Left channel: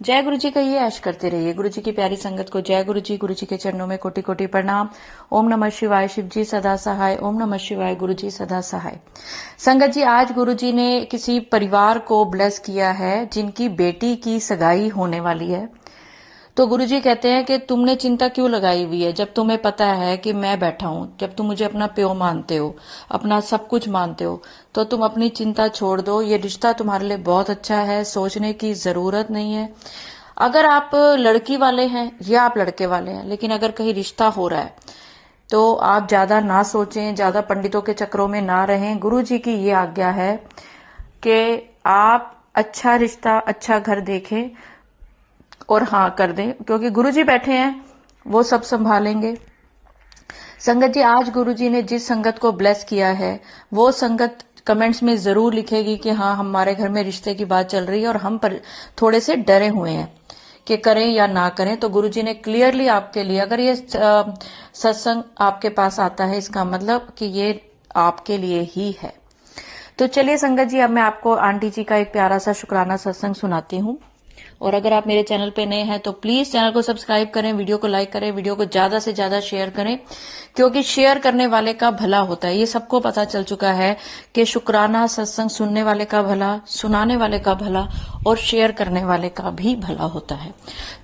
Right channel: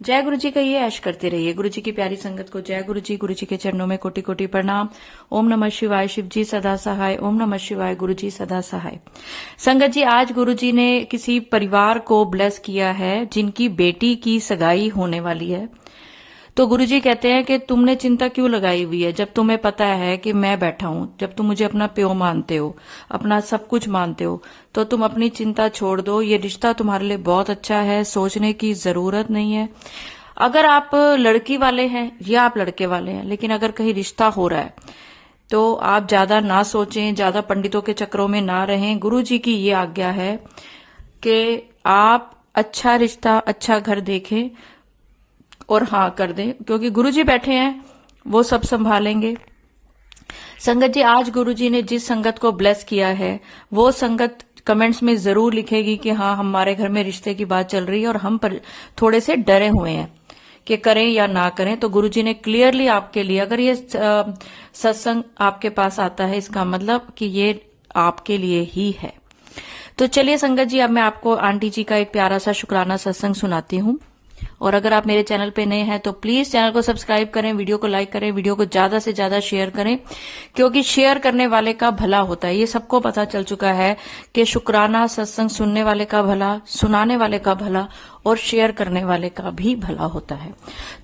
जय गुरु जी का ये ऐश करते रहिए। गुरु जी की प्यारी संगत को जय गुरु जी के चरणों में कोटि कोटि प्रणाम। ओम नमः शिवाय, शिव जी सदा सहाय। ओम नमः शिवाय, गुरु जी सदा सहाय। संगत जी, आज गुरु जी ने किसी परिवार को ब्लेस किया है जिनकी बेटी की सगाई होने वाली है। तो गुरु जी कहते हैं कि तुमने चिंता क्यों लगाई हुई है, जब तुम्हें पता है कि मैं बैठा हूं, जब तुम मुझे अपना प्यो मानते हो, अपना सब कुछ मानते हो, तो तुम अपनी चिंता छोड़ दो। ये रिश्ता तुम्हारे लिए बहुत अच्छा है, सोचने की जरूरत नहीं है। अगर आप लड़की वाले हैं या आप लड़के वाले हैं, लेकिन अगर कहीं रिश्ता हो रहा है तो आप ज्यादा ना सोचें, ज्यादा पंडितों के चक्रों में ना रहें। गुरु जी की ये आज्ञा है कि आप अच्छा रिश्ता, अच्छा घर देखें और हाँ कर दें, क्योंकि गुरुजी बैठे हैं, वो सब संभालेंगे। संगत जी, आज गुरुजी ने जिस संगत को ब्लेस किया है वो संगत कमेंट्स में जरूर लिखेगी कि हाँ, हमारे घर में रिश्ते की बात चल रही है और हम पर थोड़े से डरे हुए हैं कि करें या ना करें। तो गुरुजी ने क्लियरली आपके लिए, अगर ये सत्संग आपके पास आता है, इसका मतलब कि ये आपके लिए ही है। तो चलिए संगत जी, अब मैं आपको आंटी जी का एक प्यारा सा शुक्राना सत्संग सुनाती हूँ। और अगर आप मेरे चैनल पे नए हैं तो प्लीज चैनल को सब्सक्राइब करें, वीडियो को लाइक करें, वीडियो को ज्यादा से ज्यादा शेयर करें, क्योंकि शेयर करने वाले का भला होता है। ये सबको पता चल चुका है कि शुक्राना सत्संग सुनने वाले का भला, सुनाने वाले का भला और शेयर करने वाले का भी भला होता है।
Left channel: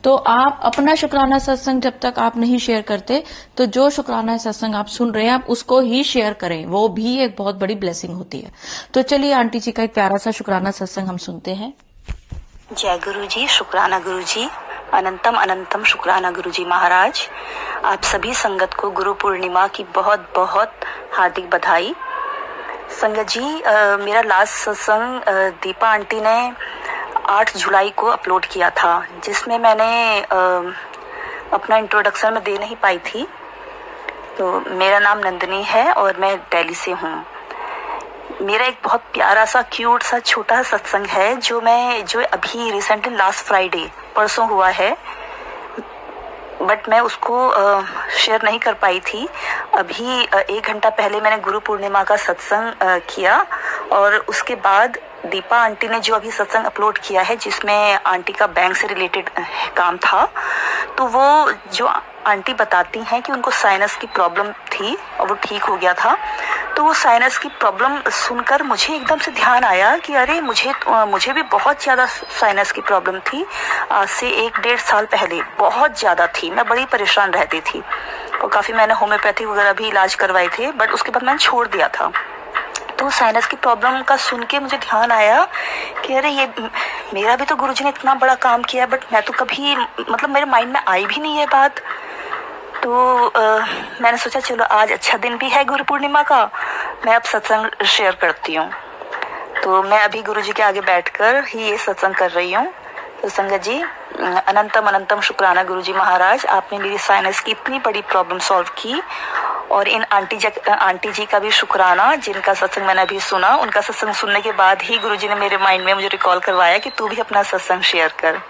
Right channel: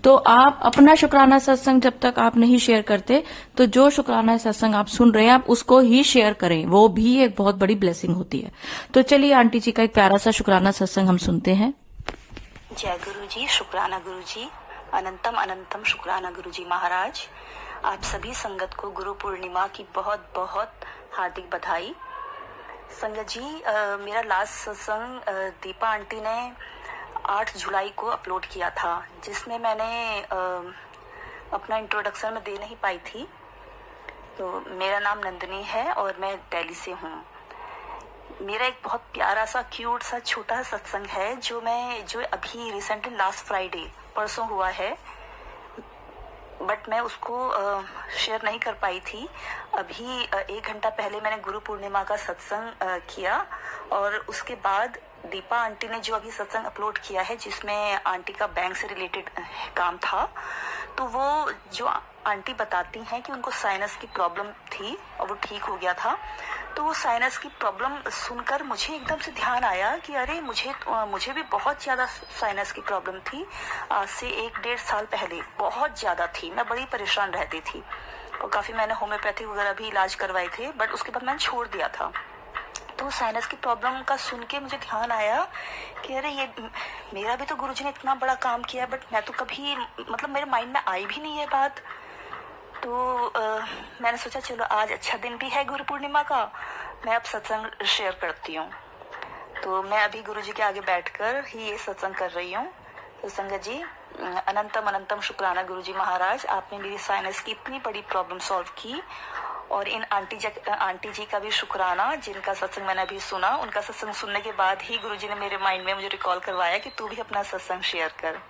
तो आप अपना शुक्राना सत्संग जब तक आप नहीं शेयर करते, तो जो शुक्राना सत्संग आप सुन रहे हैं आप उसको ही शेयर करें, वो भी एक बहुत बड़ी ब्लेसिंग होती है। तो चलिए आंटी जी का एक प्यारा सा शुक्राना सत्संग हम सुनते हैं। जय गुरु जी, शुक्राना गुरु जी, अनंतम अनंतम शुक्राना गुरु जी महाराज। आप सभी संगत को गुरु पूर्णिमा की बहुत बहुत हार्दिक बधाई। संगत जी, मेरा लास्ट सत्संग दीपा आंटी ने 8 जुलाई को अपलोड किया था, जिसमें मैंने अपना इंट्रोडक्शन में दे नहीं पाई थी। तो मेरा नाम नंदिनी है और मैं दिल्ली से हूँ। मेरा एक बहुत प्यारा सा क्यूट सा छोटा सत्संग है जो अभी रिसेंटली लास्ट फ्राइडे परसों हुआ है, बट मैं उसको शेयर नहीं कर पाई थी। अभी 1 घंटा पहले मैंने गुरु पूर्णिमा का सत्संग किया और उसके बाद दीपा आंटी ने जो अभी सत्संग अपलोड किया है, जिसमें आंटी का बैंक से रिलेटेड काम था, तो वो जो आंटी बताती हैं कि उनको साइनस की प्रॉब्लम थी और वो ठीक हो गया था। तो वो साइनस की प्रॉब्लम सुनकर मुझे एकदम से ध्यान आया कि अरे मुझे भी बहुत ज़्यादा साइनस की प्रॉब्लम थी। आज से 1-1.5 साल पहले बहुत ज़्यादा थी, मैं बड़ी परेशान रहती थी और काफ़ी मैंने होम्योपैथी वगैरह भी इलाज करवाए थे, बट उसके बाद मैंने छोड़ दिया था। तो साइनस की प्रॉब्लम का सुन के मुझे ध्यान आया कि अरे ये मेरा भी तो गुरुजी ने इतना बड़ा काम किया, बट मैं तो कभी, मतलब मेरे माइंड में आई भी नहीं है बात। तो मैंने सोचा चलो आज अच्छा दिन भी है गुरु पूर्णिमा का, मैं अब सत्संग शेयर करती हूँ। तो मैं अभी गुरुजी के आगे बैठकर ही ये सत्संग कर रही हूँ। तो संगत जी, अनंतम अनंतम शुक्राना गुरुजी महाराज, आपने मेरी साइनस की इतनी बड़ी प्रॉब्लम सॉल्व की। और इन आंटी जी का भी शुक्राना, जिनका सत्संग मैंने अभी सुना। उनका सत्संग सुनने के बाद ही गुरुजी ने मेरे माइंड में मुझे रिकॉल करवाया कि तू भी अपना सत्संग शेयर कर।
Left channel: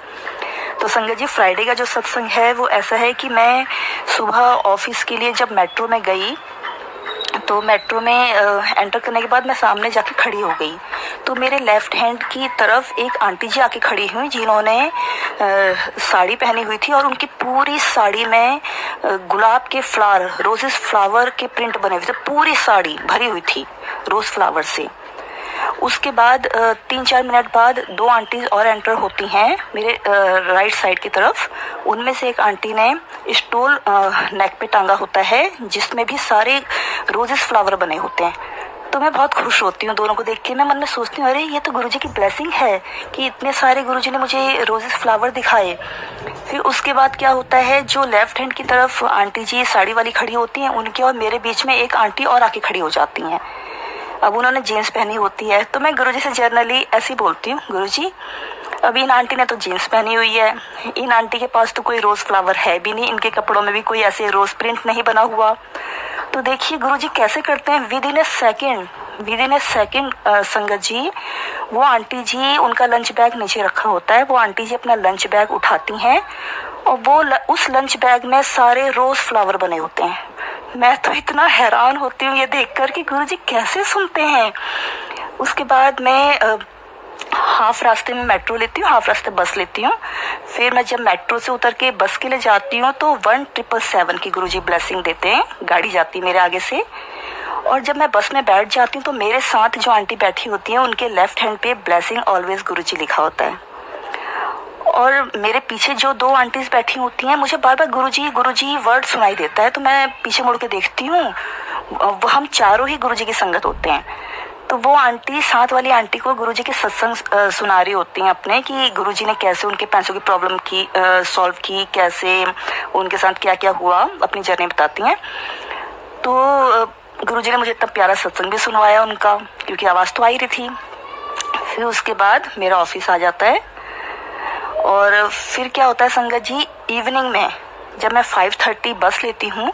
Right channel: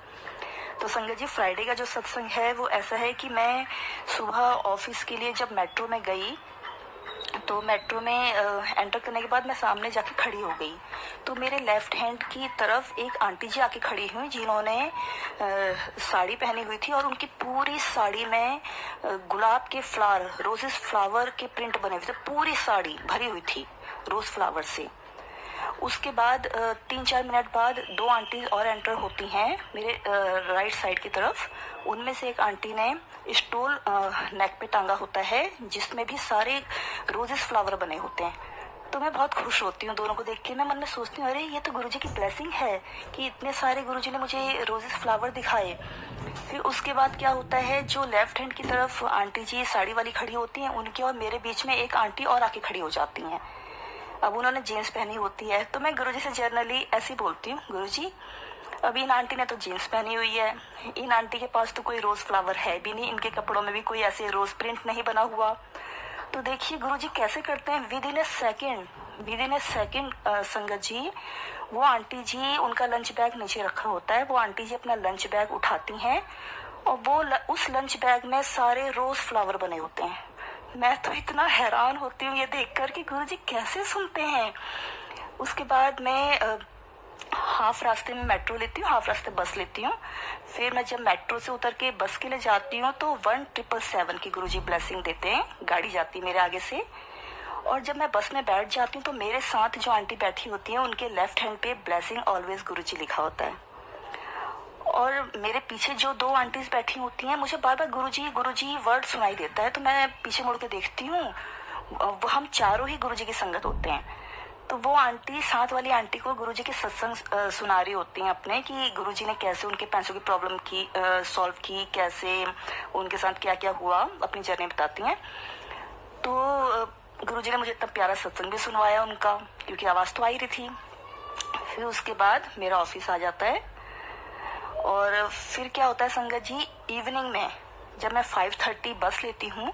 तो संगत जी, फ्राइडे का जो सत्संग है वो ऐसा है कि मैं सुबह ऑफिस के लिए जब मेट्रो में गई, तो मेट्रो में एंटर करने के बाद मैं सामने जाके खड़ी हो गई। तो मेरे लेफ्ट हैंड की तरफ एक आंटी जी आके खड़ी हुई, जिन्होंने साड़ी पहनी हुई थी और उनकी पूरी साड़ी में गुलाब के फ्लावर, रोजेस फ्लावर के प्रिंट बने हुए थे। पूरी साड़ी भरी हुई थी रोज फ्लावर से। उसके बाद 3-4 मिनट बाद 2 आंटी और एंटर होती हैं मेरे राइट साइड की तरफ। उनमें से एक आंटी ने स्टोल नेक पे टांगा होता है, जिसमें भी सारे रोजेस फ्लावर बने होते हैं। तो मैं बहुत खुश होती हूँ दोनों को देख के। मैं मन में सोचती हूँ अरे ये तो गुरुजी की ब्लेसिंग है कि इतने सारे गुरुजी ने मुझे रोजेस फ्लावर दिखाए। फिर उसके बाद क्या होता है, जो लेफ्ट हैंड की तरफ आंटी जी साड़ी वाली खड़ी होती हैं, उनके और मेरे बीच में एक आंटी और आके खड़ी हो जाती हैं। अब उन्होंने जीन्स पहनी होती है, तो मैं गुरुजी से जनरली ऐसी बोलती हूँ, गुरुजी अभी इन आंटी ने तो जीन्स पहनी हुई है, इन आंटी के पास तो कोई रोज फ्लावर है भी नहीं, इनके कपड़ों में भी कोई ऐसे रोज प्रिंट नहीं बना हुआ। तो देखिए गुरुजी कैसे करते हैं, विद इन ए सेकेंड संगत जी, वो आंटी जी, उनका लंच बैग नीचे रखा होता है, वो आंटी जी अपना लंच बैग उठाती हैं और वो उस लंच बैग में सारे रोज फ्लावर बने होते हैं। मैं तो इतना हैरान होती हूँ ये देखकर कि गुरुजी कैसे सुनते हैं। उसके बाद मैं हाफ रास्ते में मेट्रो लेती हूँ, हाफ रास्ते बस लेती हूँ। फिर मैं जब मेट्रो से उतर के बस के लिए जाती हूँ तो 1777 की गुरुजी ब्लेसिंग देते हैं, गाड़ी जाती है मेरे आगे से। और जब मैं बस में बैठ जाती हूँ तो मेरे साथ जो आंटी बैठी होती हैं उनके लेफ्ट हैंड पे ब्लेसिंग ऑलवेज गुरुजी लिखा होता है। और मेरे पीछे जो 2 आंटीज बैठी होती हैं, मुझे बार बार गुरुजी वर्ड सुनाई देता है, तो मैं पीछे मुड़ के देखती हूँ, वो हम चारों ही गुरुजी की संगत होते हैं। तो वो आंटी, साथ वाली आंटी को गुरुजी के सत्संग सुना रही होती हैं अपने, कि गुरुजी ने कैसे उनके पैसों की प्रॉब्लम की सॉल्व की, कैसे उनके साथ क्या क्या हुआ, अपनी जर्नी बताती हैं। तो गुरुजी ने मुझे इतना प्यारा सत्संग भी सुनवाया उनका, क्योंकि आवाज़ तो आ ही रही थी। फिर उसके बाद मेरा ऑफिस आ जाता है। और फिर क्या होता है संगत जी, इवनिंग में जब मैं 5:30 बस लेती हूँ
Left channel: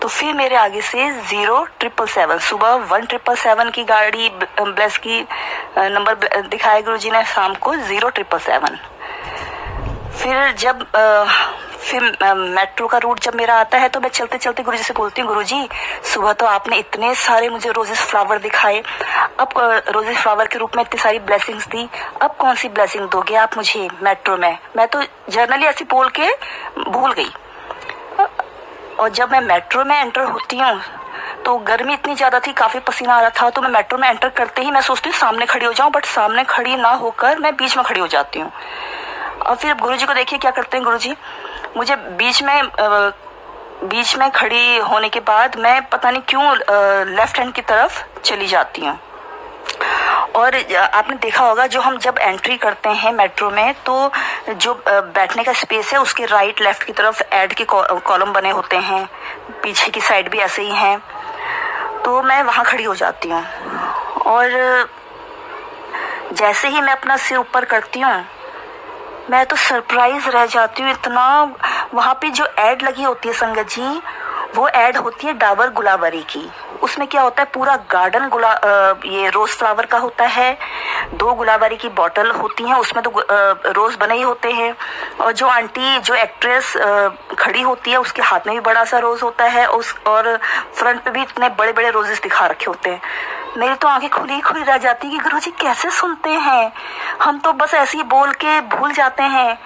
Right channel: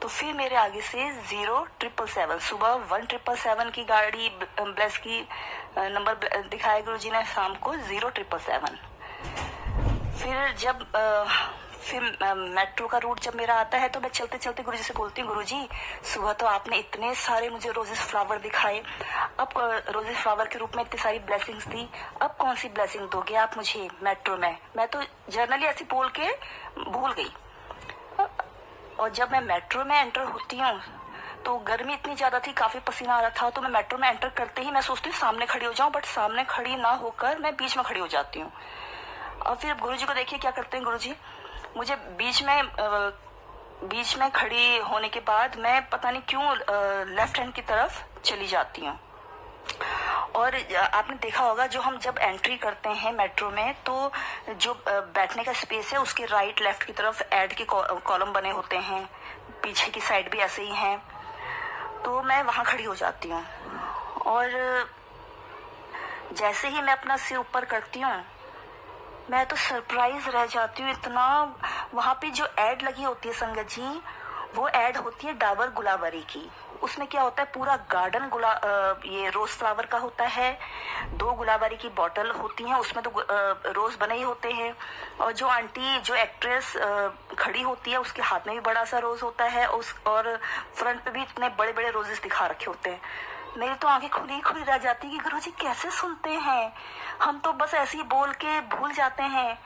तो फिर मेरे आगे से 0777 सुबह 1777 की गाड़ी ब्लेस की नंबर दिखाया गुरुजी ने शाम को 0777। फिर जब फिर मेट्रो का रूट जब मेरा आता है तो मैं चलते चलते गुरुजी से बोलती हूँ, गुरुजी सुबह तो आपने इतने सारे मुझे रोजेस फ्लावर दिखाए, अब रोजेस फ्लावर के रूप में इतनी सारी ब्लेसिंग्स दी, अब कौन सी ब्लेसिंग दोगे आप मुझे मेट्रो में? मैं तो जर्नली ऐसी बोल के भूल गई। और जब मैं मेट्रो में एंटर होती हूँ तो गर्मी इतनी ज्यादा थी, काफी पसीना आ रहा था, तो मैं मेट्रो में एंटर करते ही मैं सोचती हूँ सामने खड़ी हो जाऊं, बट सामने खड़ी ना होकर मैं बीच में खड़ी हो जाती हूँ। और फिर गुरुजी को देखिए क्या करते हैं गुरुजी, मुझे बीच में खड़ी होने के बाद मैं पता नहीं क्यों लेफ्ट हैंड की तरफ चली जाती हूँ। और आपने देखा होगा, जो हम जब एंट्री करते हैं मेट्रो में तो जो बैठने का स्पेस है उसके राइट लेफ्ट की तरफ ऐड के कॉलम बने होते हैं, पीछे की साइड भी ऐसे ही हैं। तो मैं वहाँ खड़ी हो जाती हूँ और जैसे ही मैं अपना सिर ऊपर करती हूँ मैं तो सरप्राइज रह जाती हूँ इतना। वहाँ पे जो ऐड लगी होती है संगत जी, वो ऐड होती है डाबर गुलाबरी की। उसमें क्या होता है, पूरा गार्डन ये रोज फ्लावर का होता है, 2 गुलाबरी की बॉटल होती हैं, उसमें तो रोज बने ही होते हैं। और जो आंटी, जो एक्ट्रेस खड़ी होती है उसके हाथ में भी बड़ा सा रोज होता है, और फ्रंट पे भी इतने बड़े बड़े रोजेस दिखा रखे होते हैं। मेरी तो आंखें खुली खुली रह जाती है कि गुरुजी कैसे सुनते हैं, हम तो बस ऐसे ही बोल के भूल जाते हैं।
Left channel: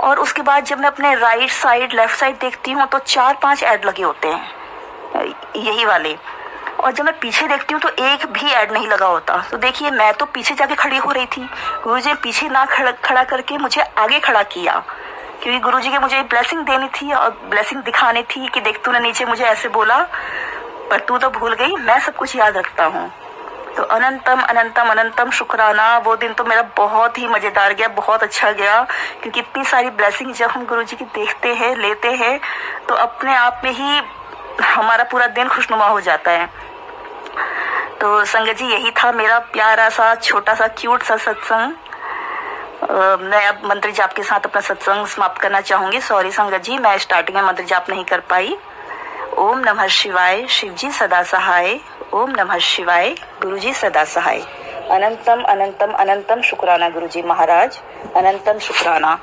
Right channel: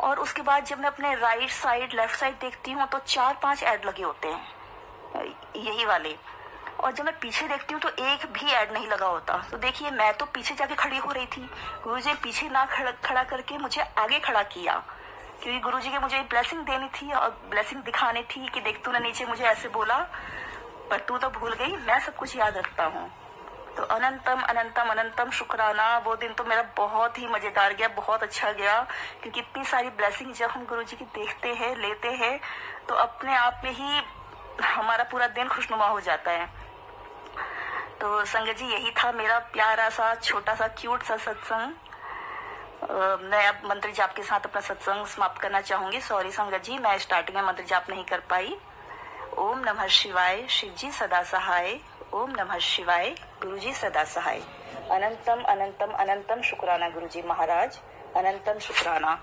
और उसके बाद जब मैं अपने राइट साइड लेफ्ट साइड देखती हूँ तो 4-5 ऐड लगे होते हैं यही वाले, और जब मैं पीछे देखती हूँ तो एक भी ऐड नहीं लगा होता। तो देखिए, मैं तो पीछे जाके खड़ी हो रही थी, गुरुजी ने पीछे ना खड़ा करके मुझे आगे खड़ा किया, क्योंकि गुरुजी के मुझे ब्लेसिंग देनी थी और ब्लेसिंग दिखानी थी कि देख तूने नीचे मुझे ऐसे बोला पर तू तो भूल गई, मैं सब कुछ याद रखता हूँ। तो अनंतम अनंतम अनंतम शुक्राना। वो दिन तो मेरा बहुत ही मजेदार गया, बहुत अच्छा गया, क्योंकि इतनी सारी ब्लेसिंग जब हम गुरुजी की देखते हैं, लेते हैं, तो अपने आप में ही हमारा पूरा दिन खुशनुमा हो जाता है। तो संगत जी, यही था मेरा प्यारा सा छोटा सा क्यूट सा सत्संग। मैं अब मंत्र जाप के साथ अपना सत्संग समाप्त करना चाहूंगी। सॉरी संगत जी, मैं स्टार्टिंग में मंत्र जाप नहीं कर पाई। ओम नमः शिवाय, शिवजी सदा सहाय। ओम नमः शिवाय, गुरुजी सदा सहाय। अनंतम अनंतम अनंतम शुक्राना गुरुजी महाराज, अनंतम शुक्राना।